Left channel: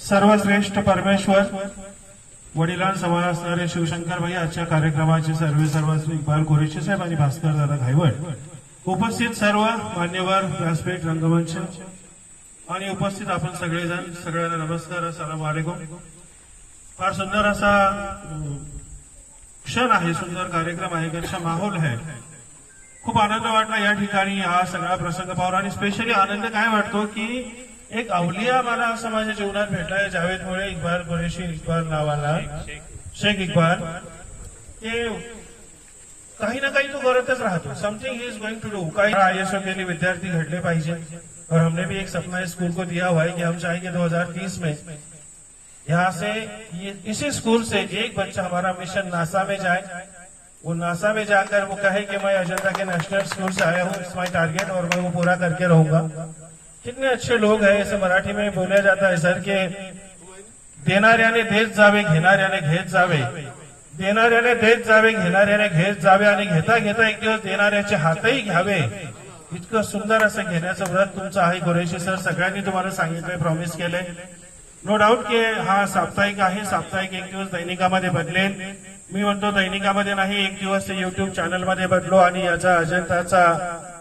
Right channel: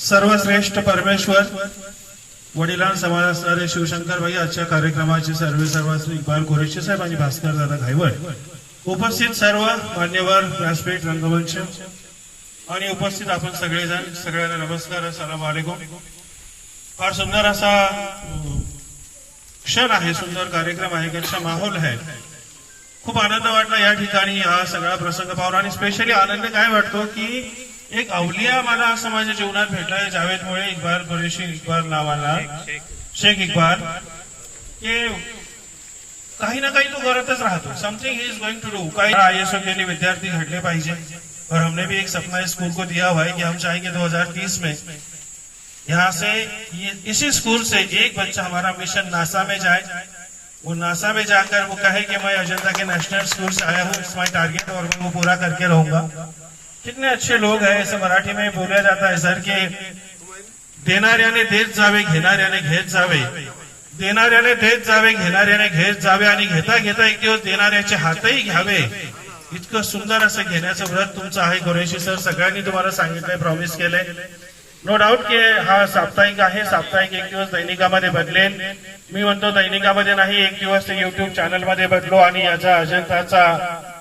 सर्वश्रेष्ठ परमेश्वर वडिलां समान असणारे शिवशंकर भाई आजच्या कार्यक्रमाचे सर्वेसर्वाश्री इक्बाल कुरेशी साहेब आणि भास्कर दादा घायवळ, उपस्थित सर्व मान्यवर व्यासपीठ रंगमंच आणि उपस्थित आपण सगळेजण, सगळ्यांना नमस्कार, अस्सलाम वालेकुम। फार सुंदर असा क्षण आहे, सुंदर कार्यक्रम आहे, कैसा माहोल है। खूप आनंद वाटला या ठिकाणी हा सगळा प्रसंग पाहून। आणि स्पेशली आनंद काय वाटतो की एक अवलिया मला असं माझ्या जीवनात भेटलाय, जावेद मुळे इक्बाल कुरेशी, इक्बाल नावाला शेख इक्बाल, के काही ना काही तो करतच राहतो, something he is going to do. काही आईएसओ के लिए विद्यार्थी घटले पाहिजे और हमने भी एक सपना इस स्कूल को दिया हुआ है कि हम चाहेंगे 2030 में यहाँ से इसी स्कूल से एक बच्चा हमारा मिशन नासा में जाए, वो नासा में जाकर वो कहे कि मैं अजंता के नेशनल स्कूल से आया हूँ, इट्स माय टारगेट और मैं वो पूरा करके रहूंगा। कितने अच्छे लोग हैं, ऐसे मराठी में बोला जाता है सर के देणाऱ्याने देत जावे, घेणाऱ्याने घेत जावे, देणाऱ्याने देत जावे, घेणाऱ्याने घेत जावे आणि घेता घेता एक दिवस देणाऱ्याचे हातही घ्यावे। इतकं सुंदर असं घेण्याचं व्रत तुमचं आहे कुरेशी सर, सगळ्यांनी तुम्हाला सांगितलंय, प्रॉमिस केलंय। नो डाऊट की हा साप्ताहिक आहे, साप्ताहिक एक दिवस दैनिकामध्ये बदलेल। मी म्हणतो दैनिकामध्ये नाही, एक दिवस ते युट्यूब चॅनल मध्ये बदलो आणि याचा अजंताचा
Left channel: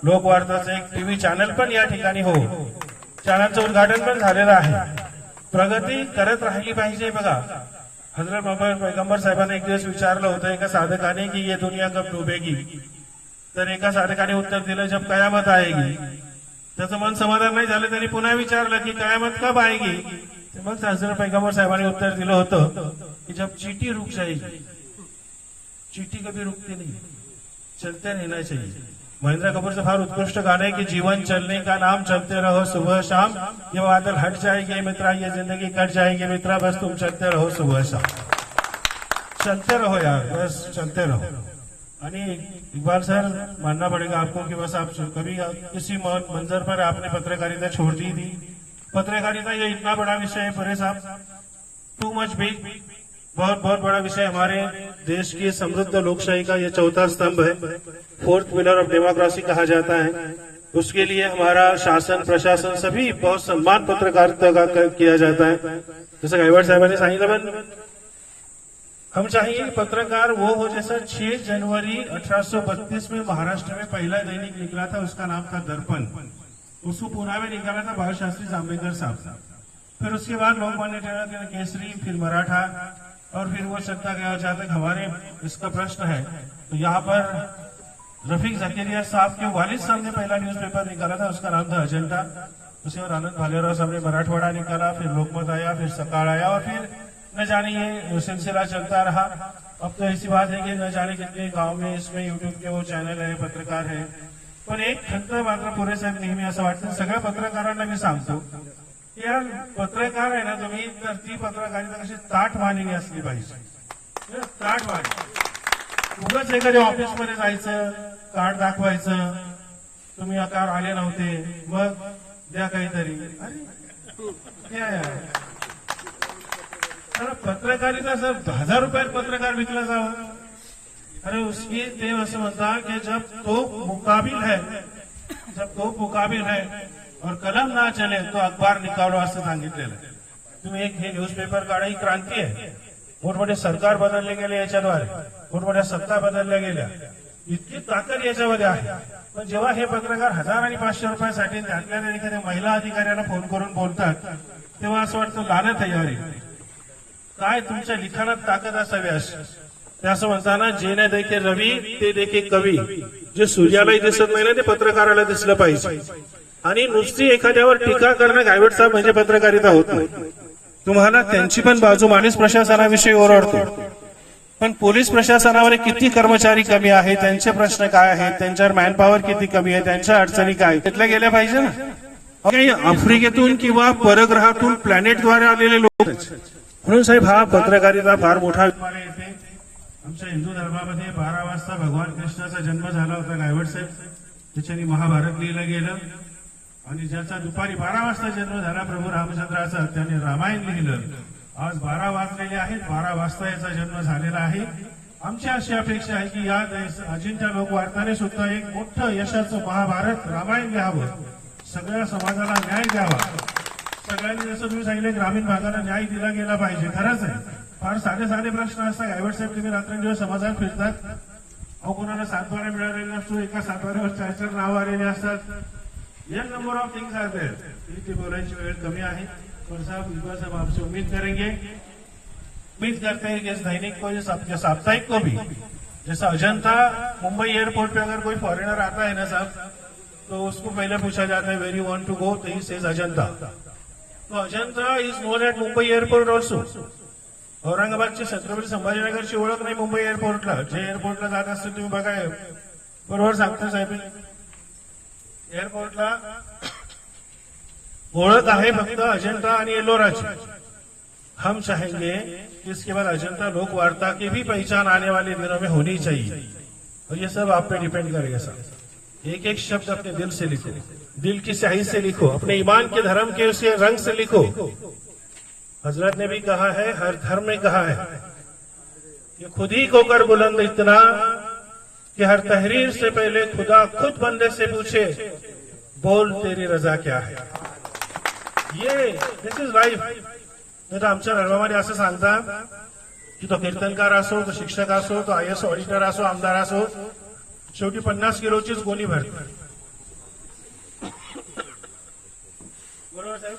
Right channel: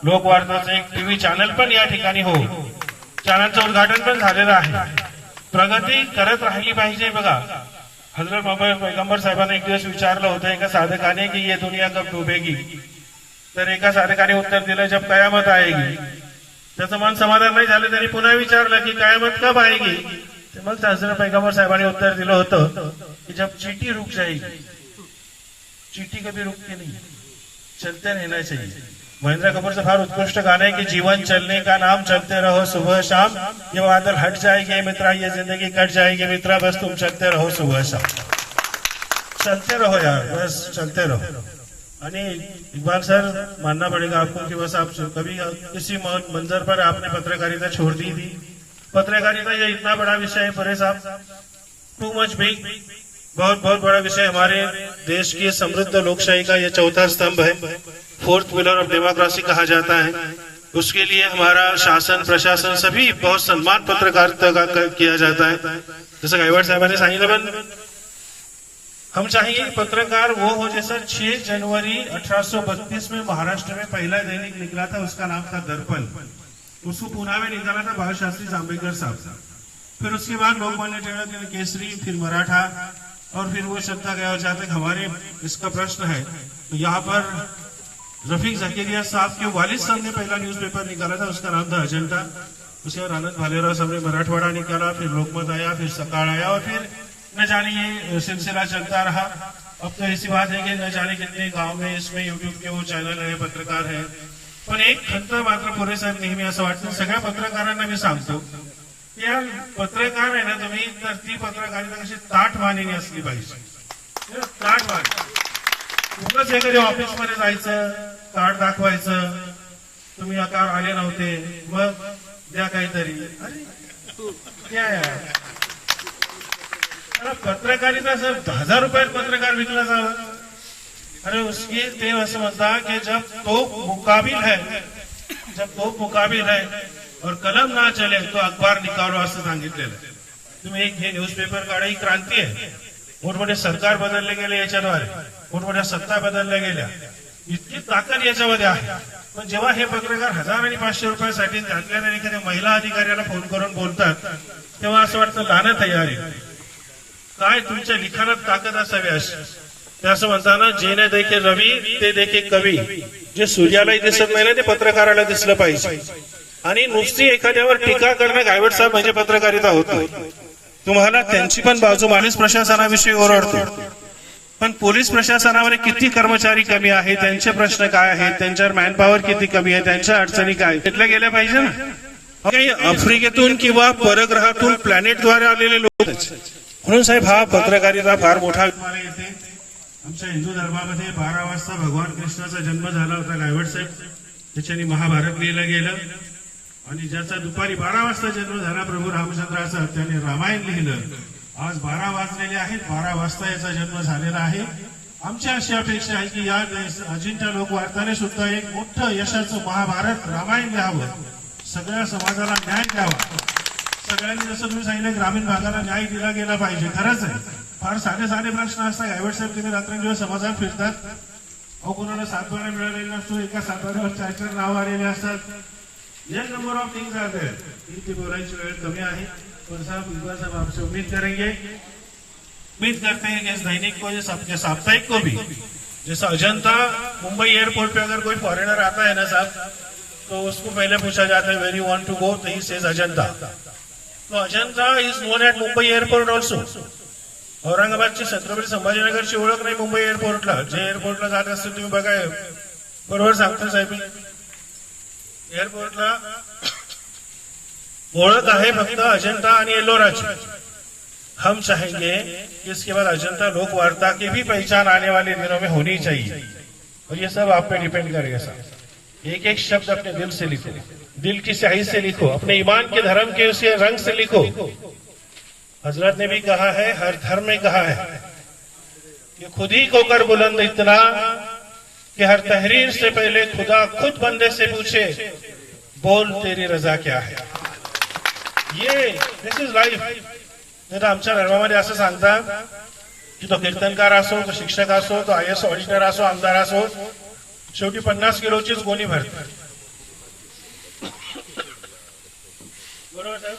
लोकवार्ताचा एक टीव्ही चॅनल पण या ठिकाणी हो। चॅनलचं उद्घाटन पण झालेलं आहे, प्रगती करत राहिली पाहिजे। बघा, हजरत मोहम्मद पैगंबर साहेबांनी एक दिवस विचारलं होतं एका साधकाने की ये दुनिया कब डुबेगी, तर एका साधकाने उत्तर दिलं जब कयामत आएगी। त्याचं मन समाधान नाही झालं, त्यांनी पुन्हा विचारलं की कयामत कब आएगी, मग हजरत पैगंबर साहेबांनी उत्तर दिलं होतं की जब चीटी रुक जाएगी। चीटी कभी रुकती नहीं, चलते रहना चाहिए। महेंद्र कपूर से फार उत्कृष्ट गाना है कि जीवन चलने का नाम, चलते रहो सुबह शाम, ये बादल हट जाएंगे मित्रा, ये जिंदगी कट जाएगी मित्रा, बस तुम चलते रहो सुबह शाम, चलते रहो यार, बस चलते रहो। आणि इकबाल सर, मानना पड़ेगा आपको कि बस आप कभी किसी मंजर पर आपने पत्रकारिता छोड़ दी थी। पत्रकारिता ये इतना बड़ा विषय है परे साहब, टू मच बिग, बहुत बहुत बड़ा विषय। हमारे देश की समृद्ध लोकशाही का ये चौथा स्तंभ है, फोर्थ पिलर ऑफ डेमोक्रेसी कहा जाता है। उसके लिए हमारा शासन प्रशासन सभी बहुत सम्मान पत्रकारिता का किया जाता है। जैसे गायकवाड़ साहब ने सांगितलं, पण हम चाहिए पत्रकार वो हो जैसा 6 जनवरी 1832 में महाराष्ट्र में पहला दैनिक निकला था, उसका नाम था दर्पण। उसको पुणे में निकाला था बाल शास्त्री जांभेकर साहब। फिर उसके बाद लोकमान्य टिळक केसरी, फिर मराठा, और फिर वो शब्द गया जहाँ तक हमारे इसका प्रश्न है। तो यहाँ पर रफीक जकीरिया साहब के वालिद साहब ने पहला न्यूज़पेपर निकाला था, उसका नाम था अजंता। उसके बाद आनंद भालेराव साहब ने मराठवाड़ा निकाला, फिर लोकमत आया, फिर सकाळ आया, और फिर न जाने ये सिलसिला चलता रहा। अब तो ऐसी बात है कि न जाने कितने गाँव में इसमें यूट्यूब के वो चॅनल है, पत्रकार है। पण एक खंत मात्र पुरे साहेब नेहमी असं वाटतं, सगळ्या पत्रकारांना मी सांगतो, या पत्रकार आहे ना तुम्ही, तर ती पत्रकारिता कशी ताठमानेने असली पाहिजे। ताठमाने, उगाच एखाद्या ऑफिस मध्ये जायचं, कार्ड दाखवायचं, तुम्ही आकार आले नव्हते, मग द्या काहीतरी, अरे पत्रकारिता सर 1000 रुपयात पत्रकार विकला जात। अरे उसकी तेल असं म्हणता की जब तो मुकाबिल है और कलम ना चले तो अखबार निकालो असं सांगितलेलं। तुम्ही एक हे न्यूजपेपर काढा, ही क्रांती आहे। मोठमोठे सरकार बदलले गेले याच्याद्वारे, मोठमोठ्या सत्ता बदलल्या गेल्या, इतकी ताकद याच्यामध्ये आहे। पण जेव्हा हे पत्रकार 1000 आणि 500 रुपयासाठी त्यातल्या एखाद्या महिला अधिकाऱ्याला फोन करून बोलतात, तेव्हा असं वाटतं लानत आहे यार, काय तुमच्या लिखाणात ताकद असावी अशी। ते असं म्हणताना जे न देखे रवी ते देखे कवी, जे सूर्याला दिसत नाही ते पत्रकाराला दिसलं पाहिजे। आणि नुसती एखाद्यावर टीका करणं गायकवाड साहेब म्हणजे पत्रकारिता होत नाही। तुम्हाला त्यांची पण बाजू, पोलीस प्रशासनाविषयी ओरडतो, पण पोलीस प्रशासनावर किती कर्मचारी कमी आहे, त्यांचे प्रश्न काय आहेत, त्यांच्यावर मॅनपॉवर किती कमी आहे, त्यांच्या अडचणी काय घेतल्या गेल्या पाहिजे ना। आफ्रिकेतून किंवा परग्रहातून प्लॅनेटद्वारे आलेले लोक, म्हणून साहेब हा पत्रकारिता फार मोठा। आमच्या हिंदू धर्मामध्ये 12 वाजता भगवान कृष्णाचा जन्म झाला होता गायकवाड साहेब, त्याच्याने महाभारत लिहिलं गेलं, आणि ज्याचा दुपारी 12 वाजता जन्म झाला प्रभू रामचंद्राचा, त्याने रामायण लिहिलं। आज 12 वाजलेले आहेत, 12 वाजता याचा जन्म झालेला आहे। आमची अशी अपेक्षा आहे की या अजिंठा लोकवार्ताने सुद्धा एक मोठं यशाचं महाभारत रामायण लिहावं, सगळ्या समाजाला न्याय द्यावा। सगळ्यांनी जसं तुम्ही सांगितलं ग्रामीण भागाला न्याय दिला गेला पाहिजे, खरंच आहे. फार साधे साधे प्रश्न असतात. गायवड साहेब तुम्ही रात्रंदिवस समाजात फिरतात, अहो कोणाला सातबारा मिळालेला नसतो, एका सातबाऱ्यावर 4-4 नाव आलेले असतात. ये number of things are there. ती बोलायची वेळ कमी आहे, पर साहब इस बार आपसे उम्मीद करेंगे, उम्मीद करते हैं कि इस दैनिक को, इस साप्ताहिक को भी, जैसा अजंता मुंबई एयरपोर्ट पे अगर कोई फॉरेनर आता है ना साहब, तो उसको पहले पूछा जाता है where you want to go, तो ही सेज अजंता. तो Ajanta is known at Mumbai airport also. औरंगाबादची छत्रपती संभाजीनगरची ओळख नाही मुंबई एअरपोर्टला. जे एअरपोर्टला जात असतील तुम्ही बघा, बरोबर सांगतो साहेब, एअरपोर्टला ओळख आहे फक्त अजंता आणि एलोराची. हम चाहेंगे कि इसके बाद अजंता लोक वार्ता की भी पहचान आने वाले दिनों में होनी चाहिए, और ये सब आप पे डिपेंड करेगा साहब. एक एक शब्द अपने दिल से लिखो, दिल की स्याही से लिखो, अपने ईमान के धर्म के उसके रंग से लिखो. हजरत ने भी कहा है, हर धर्म में कहा है कि खुद ही को कर बुलंद इतना कि हर तहरीर से पहले खुदा खुद बंदे से पूछे, बोल तेरी रजा क्या है. ये दिस इज लाइफ. नाही तर आमच्या धर्मामध्ये असं सांगतात की तो कीर्तनकार असो, तो शिक्षक असो, तो IAS ऑडिटर असो, आमदार असो, शेवटी 50 किलोचीच गोणी भरते. बरोबर साहेब.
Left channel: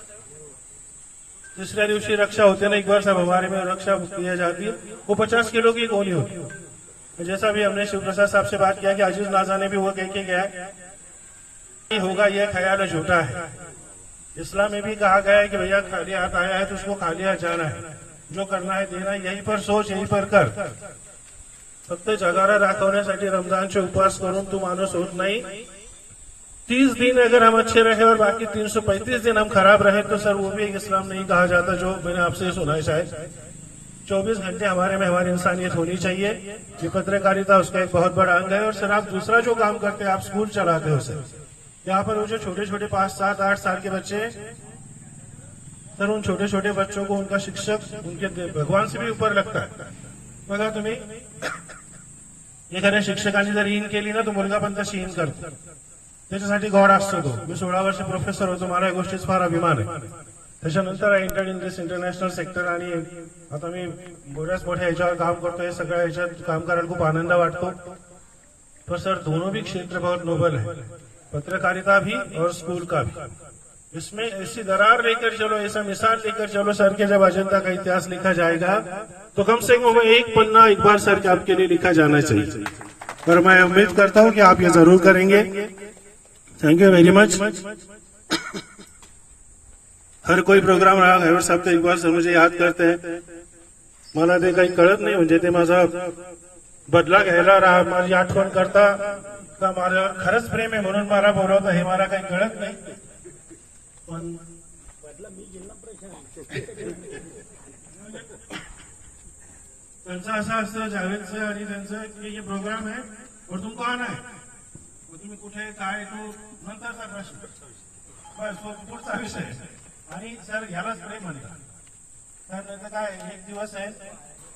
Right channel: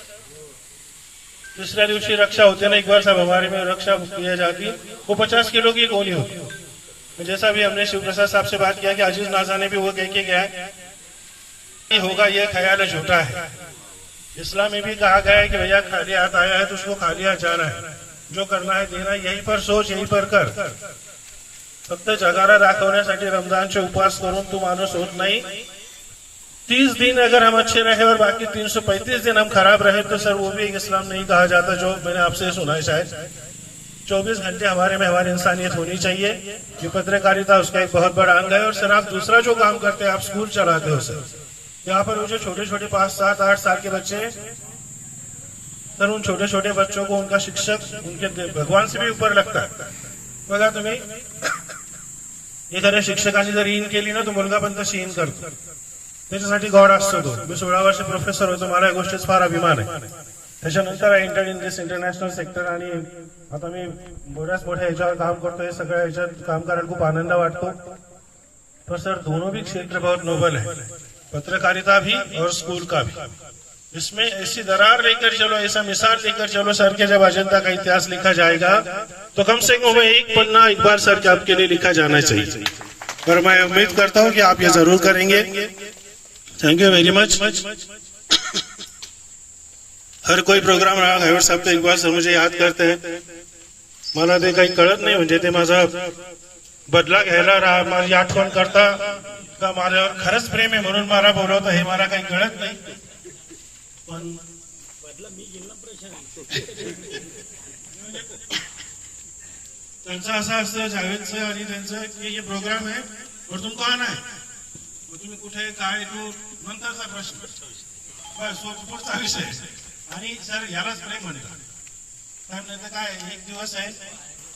दूसऱ्या दिवशी रक्षा होते ना, एक बार साहब हमारे में रक्षा किया जाती, वो 50 किलो की गोली होती. जैसा भी हमने शिव प्रसाद साहब से बात किया कि अजीज नाजा ने भी वो कह के गया होगा, यह ख्याल झूठा है. इस्लाम में भी कहा गया है कि भैया खाली हाथ आया है तो उसको खाली हाथ जाना है, जो करना है देना है, यहीं पर सोच, यहीं पर कर. फक्त जगाला दाखवण्यासाठी रमजानचे उपवास करून तू माणूस होत नाही. 30 दिन अगर हम अच्छे रहे और बाकी 335 दिन हम खराब रहे तो सर वो भी एक इस्लाम नहीं कहा जाता. जो मैंने आपसे सुना है शायद 24 घंटे हमारे में हमारी इंसानियत होनी चाहिए. ये पत्रकारिता उसका एक बहुत बड़ा अंग है. और सर आप दूसरा जो काम करते हैं, आप स्कूल चलाते हो सर, यहाँ पर वो जो छोटे छोटे 5, 7, 8 साल के बच्चे, सर उन छोटे छोटे बच्चों को उनका शिक्षक उनके भगवान से भी ऊपर लगता है. बघा तुम्ही, एखाद्या शिक्षकाने जर इन केली ना, तो मुलगा पण तशी इन करतो. त्याच्यासाठी गौड असतो तो. मी 16 वर्ष प्रोफेसर होतो, मला या गोष्टीच फार अभिमान आहे. त्याच्यानंतर I entered in this international sector, आणि आता मी बऱ्याच मोठ्या याच्यावर काम करतोय. सगळ्या याच्यात काम करायला खूप आनंद वाटतो. पर सर दोनों भी क्षेत्र बहुत नोबल है, पत्रकारिता भी और स्कूल का भी. इसमें ऐसी दरार लेकर चलो, ऐसा मिसाल लेकर चलो सर के जब अजंता का इतिहास लिखा जाएगा तो कम से कम एक पन्ना इकबाल सर के आपके लिए लिखा जाना चाहिए. और मैं उम्मीद करता हूं कि आप ये जरूर करेंगे. Thank you very much. हर कोई प्रोग्राम रहा गायवड साहेब तर इकबाल सर मुझे याद करते हैं. मला ते काही कळत नाही, म्हणजे ते माझा बदला घ्यायला राहा, माझी आठवण करता का माझ्यावर खरंच प्रेम आहे म्हणून मला बोलवतं, हे मला काही कळत नाही. पण बदला मी जिल्हा त्यांचं असं असतं जावेदचं आणि त्यांचं की हे प्रोग्राम आहे और तुम कौन आहे, तुम्ही कुठे काय, तो नंतरचा प्रश्न, बस पुढचा विषय. आणि सर यालाच प्रेम म्हणतात. तर नाही तर काय, एक दिवस आहे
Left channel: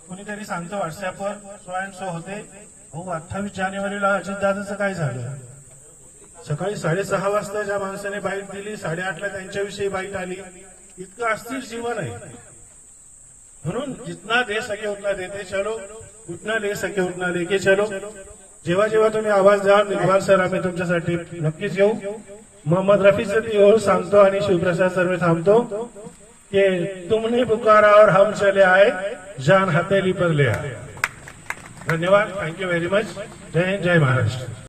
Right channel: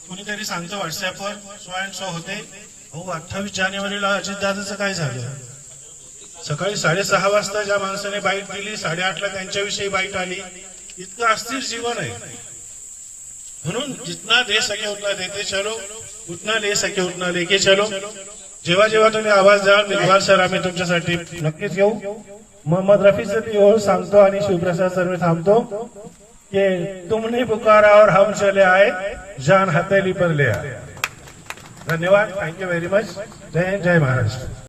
कोणीतरी सांगतो व्हॉट्सअपवर सो अँड सो होते, हो 28 जानेवारीला अजितदादाचं काय झालं. सकाळी 6:30 वाजता ज्या माणसाने बाईट दिली, 8:30ला त्यांच्याविषयी बाईट आली. इतकं अस्थिर जीवन आहे. म्हणून जितना दे सके उतना देते चलो, उतना ले सके उतना लेके चलो. जेव्हा जेव्हा तुम्ही आवाज द्याल इकबाल सर, आम्ही तुमच्यासाठी नक्कीच येऊ. मोहम्मद रफीचं ती ओळ सांगतो आणि शिवप्रसाद सर मी थांबतो की तुमने पुकारा और हम चले आए, जान हथेली पर ले आए. धन्यवाद. Thank you very much. जय हिंद, जय महाराष्ट्र.